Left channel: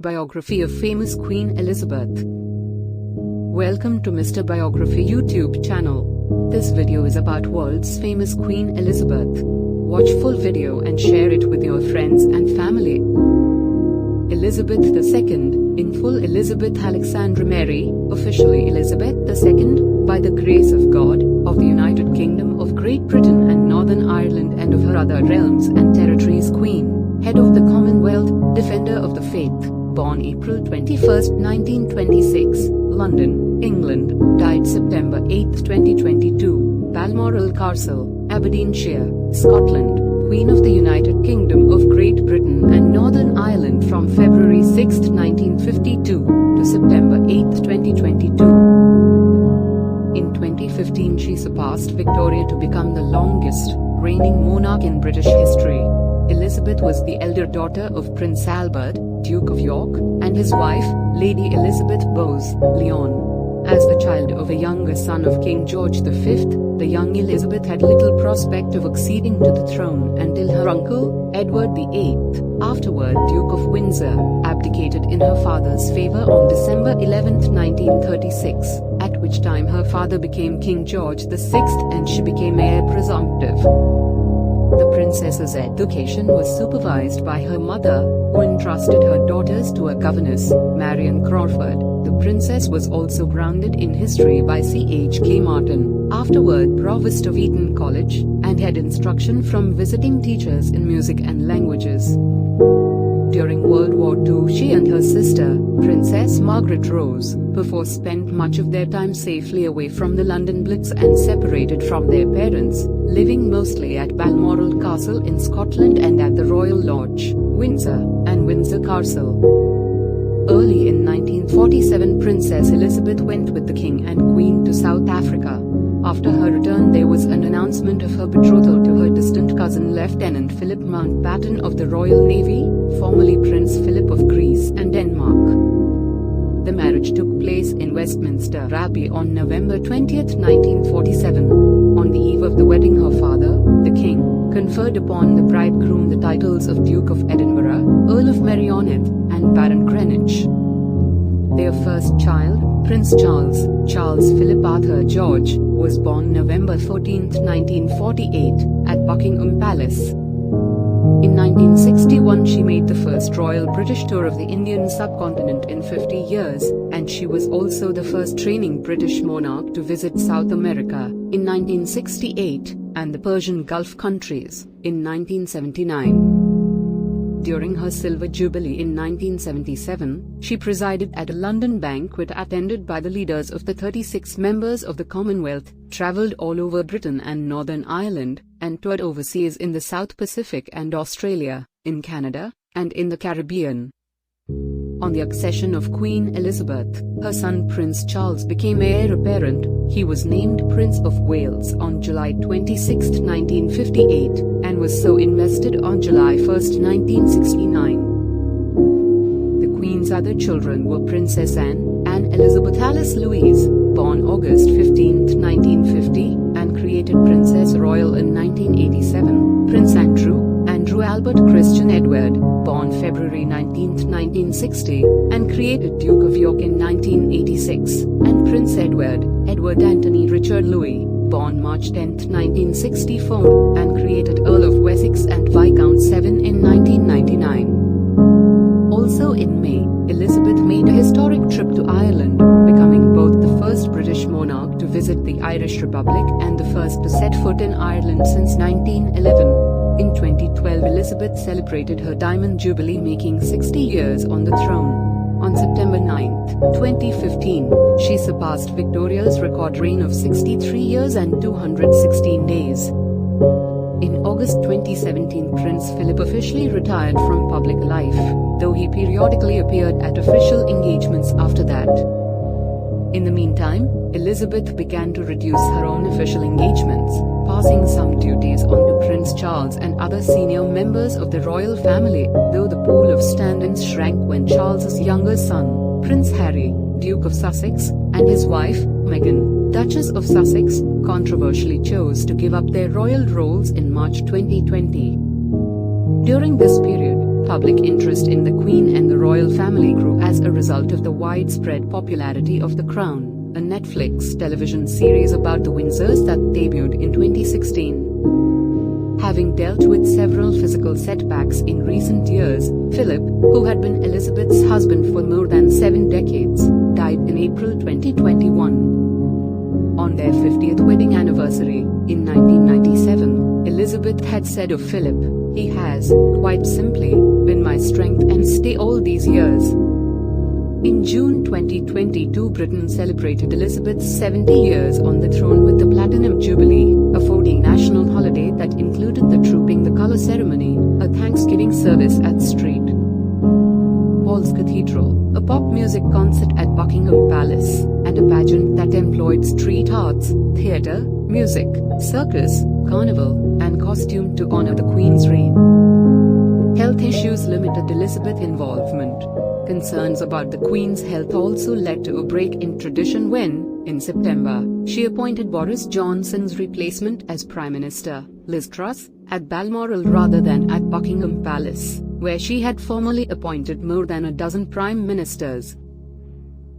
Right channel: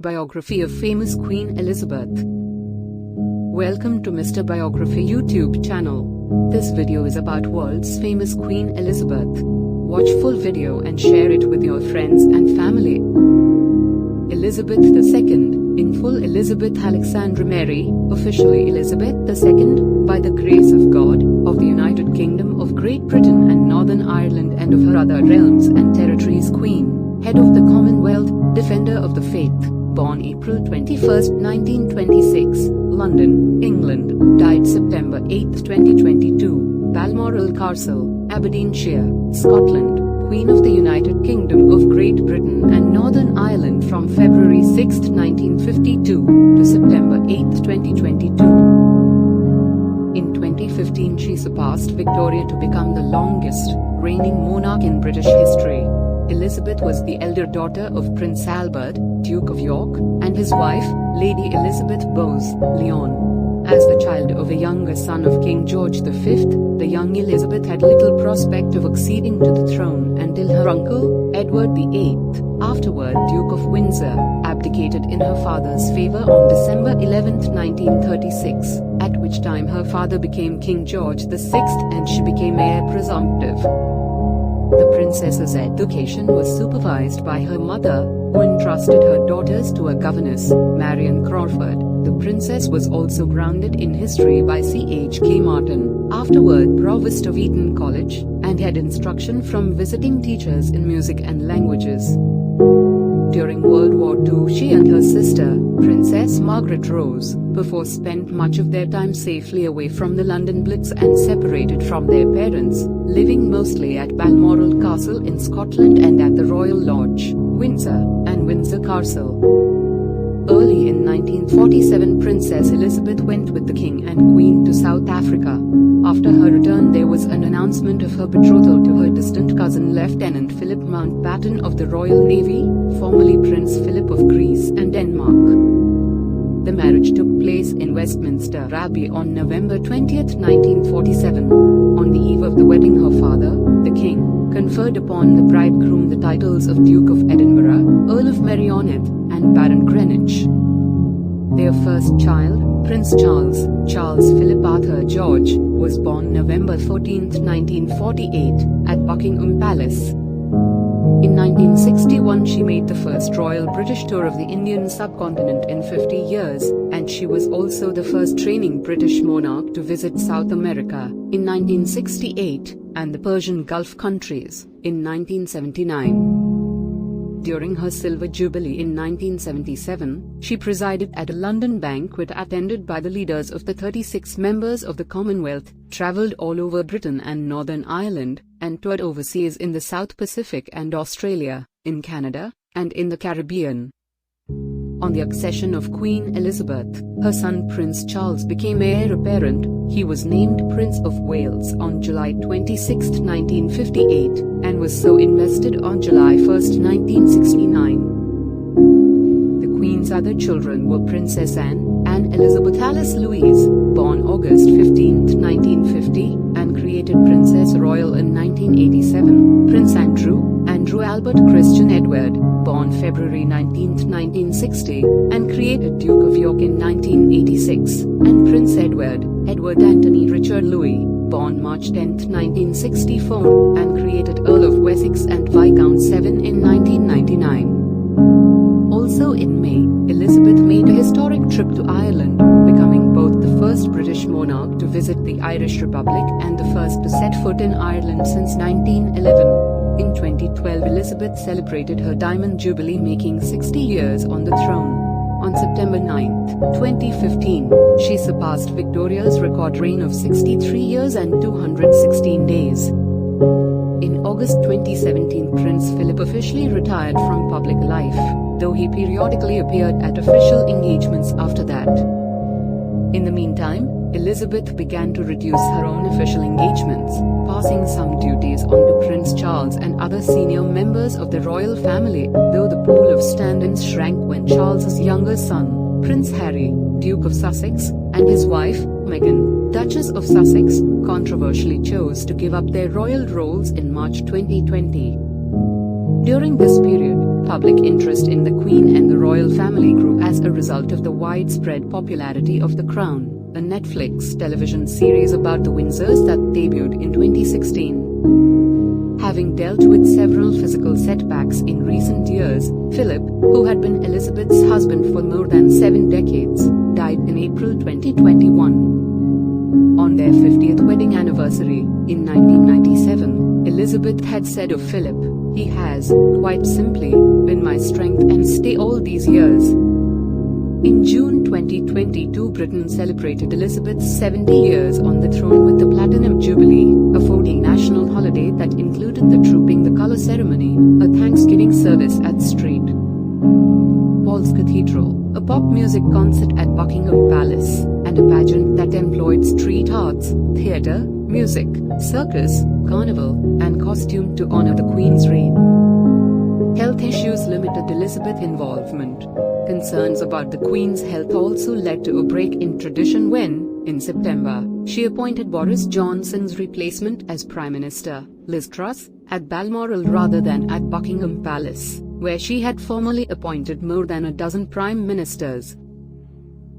Biography of famous Queen Elizabeth. Welcome to Mr. Biography YouTube channel. This video is about world's famous Queen Elizabeth. Watch full video and share it with your friends and family. Elizabeth II, in full Elizabeth Alexandra Mary, officially Elizabeth II, by the grace of God, of the United Kingdom of Great Britain and Northern Ireland and of her other realms and territories, Queen, head of the Commonwealth, defender of the faith, born April 21, 1926, London, England, died September 8, 2022, Balmoral Castle, Aberdeenshire, Scotland, Queen of the United Kingdom of Great Britain and Northern Ireland from February 6, 1952, to September 8, 2022. In 2015 she surpassed Victoria to become the longest reigning monarch in British history. Elizabeth was the elder daughter of Prince Albert, Duke of York, and his wife, Lady Elizabeth Bowes-Lyon. As the child of a younger son of King George V, the young Elizabeth had little prospect of acceding to the throne until her uncle, Edward VIII, afterward Duke of Windsor, abdicated in her father's favour on December 11, 1936, at which time her father became King George VI and she became heir presumptive. The princess's education was supervised by her mother, who entrusted her daughters to a governess, Marion Crawford. The princess was also grounded in history by C.H.K. Martin, afterward Provost of Eton College, and had instruction from visiting teachers in music and languages. During World War II she and her sister, Princess Margaret Rose, perforce spent much of their time safely away from the London Blitz and separated from their parents, living mostly at Balmoral Castle in Scotland and at the Royal Lodge, Windsor, and Windsor Castle. Early in 1947 Princess Elizabeth went with the King and Queen to South Africa. After her return there was an announcement of her betrothal to her distant cousin Lieutenant Philip Mountbatten of the Royal Navy, formerly Prince Philip of Greece and Denmark. The marriage took place in Westminster Abbey on November 20, 1947. On the eve of the wedding her father, the King, conferred upon the bridegroom the titles of Duke of Edinburgh, Earl of Merioneth, and Baron Greenwich. Their first child, Prince Charles Philip Arthur George, was born November 14, 1948, at Buckingham Palace. In 1961 she made the first royal British tour of the Indian subcontinent in 50 years, and she was also the first reigning British monarch to visit South America, in 1968, and the Persian Gulf countries, in 1979. During her Silver Jubilee in 1977, she presided at a London banquet attended by the leaders of the 36 members of the Commonwealth, travelled all over Britain and Northern Ireland, and toured overseas in the South Pacific and Australia, in Canada, and in the Caribbean. On the accession of Queen Elizabeth, her son Prince Charles became heir apparent. He was named Prince of Wales on July 26, 1958, and was so invested on July 1, 1969. The Queen's other children were Princess Anne Elizabeth Alice Louise, born August 15, 1950, and created Princess Royal in 1987, Prince Andrew Albert Christian Edward, born February 19, 1960, and created Duke of York in 1986, and Prince Edward Anthony Richard Louis, born March 10, 1964, and created Earl of Wessex and Viscount Severn in 1999. Also in May, Elizabeth made a historic trip to Ireland, becoming both the first British monarch to visit the Irish Republic and the first to set foot in Ireland since 1911. In 2012 Elizabeth celebrated her Diamond Jubilee, making 60 years on the throne. On September 9, 2015, she surpassed Victoria's record reign of 63 years and 216 days. In August 2017 Prince Philip officially retired from public life, though he periodically appeared at official engagements after that. In the meantime, Elizabeth began to reduce her own official engagements, passing some duties on to Prince Charles and other senior members of the royal family, though the pool of stand-ins shrank when Charles's younger son, Prince Harry, Duke of Sussex, and his wife, Meghan, Duchess of Sussex, controversially chose to give up their royal roles in March 2020. During this period, Public interest in the Queen and the royal family grew as a result of the widespread popularity of The Crown, a Netflix television series about the Windsors that debuted in 2016. Having dealt with several physical setbacks in recent years, Philip, who had been Elizabeth's husband for more than 7 decades, died in April 2021. On their 50th wedding anniversary, in 1997, Elizabeth had said of Philip, "He has, quite simply, been my strength and stay all these years." In June 2022, Britain celebrated Elizabeth's 70 years on the throne with the Platinum Jubilee, a 4-day national holiday that included the Trooping the Colour ceremony, a Thanksgiving service at St. Paul's Cathedral, a pop music concert at Buckingham Palace, and a pageant that employed street arts, theatre, music, circus, carnival, and costume to honour the Queen's reign. Health issues limited Elizabeth's involvement. Concerns about the Queen's health also led to a break in tradition when, in September, she appointed Boris Johnson's replacement as Prime Minister, Liz Truss, at Balmoral rather than at Buckingham Palace, where she had formerly appointed more than a dozen prime ministers.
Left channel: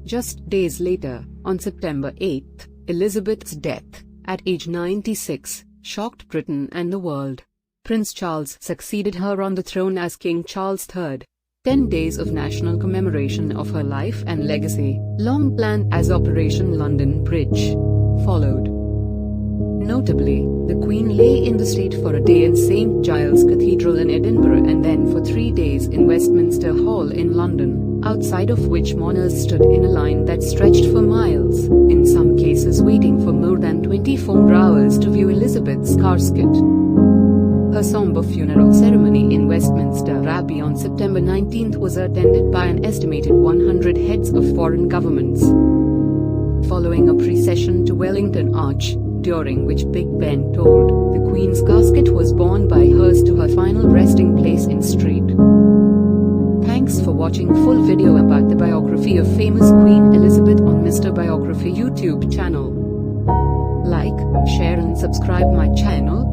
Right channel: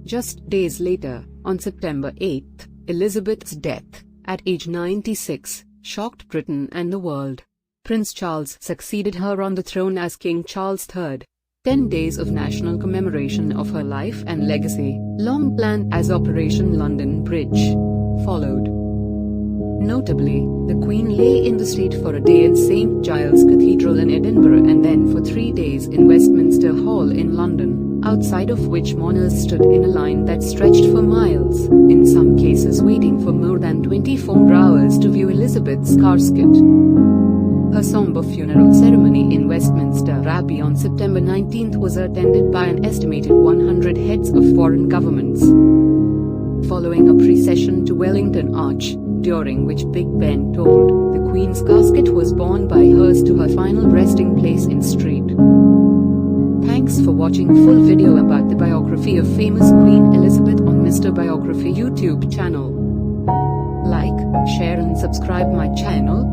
Just days later, on September 8, Elizabeth's death, at age 96, shocked Britain and the world. Prince Charles succeeded her on the throne as King Charles III. 10 days of national commemoration of her life and legacy, long planned as Operation London Bridge, followed. Notably, the Queen lay in the state for a day in St. Giles Cathedral in Edinburgh and then for 3 days in Westminster Hall in London, outside of which mourners stood in a line that stretched for miles, in some cases waiting for more than 24 hours to view Elizabeth's casket. Her somber funeral ceremony in Westminster Abbey on September 19 was attended by an estimated 100 heads of foreign governments. Following a procession to Wellington Arch, during which Big Ben tolled, the Queen's casket was borne by hearse to her final resting place in St. Thanks for watching full video about the biography of famous Queen Elizabeth on Mr. Biography YouTube channel. Like, share and subscribe my channel.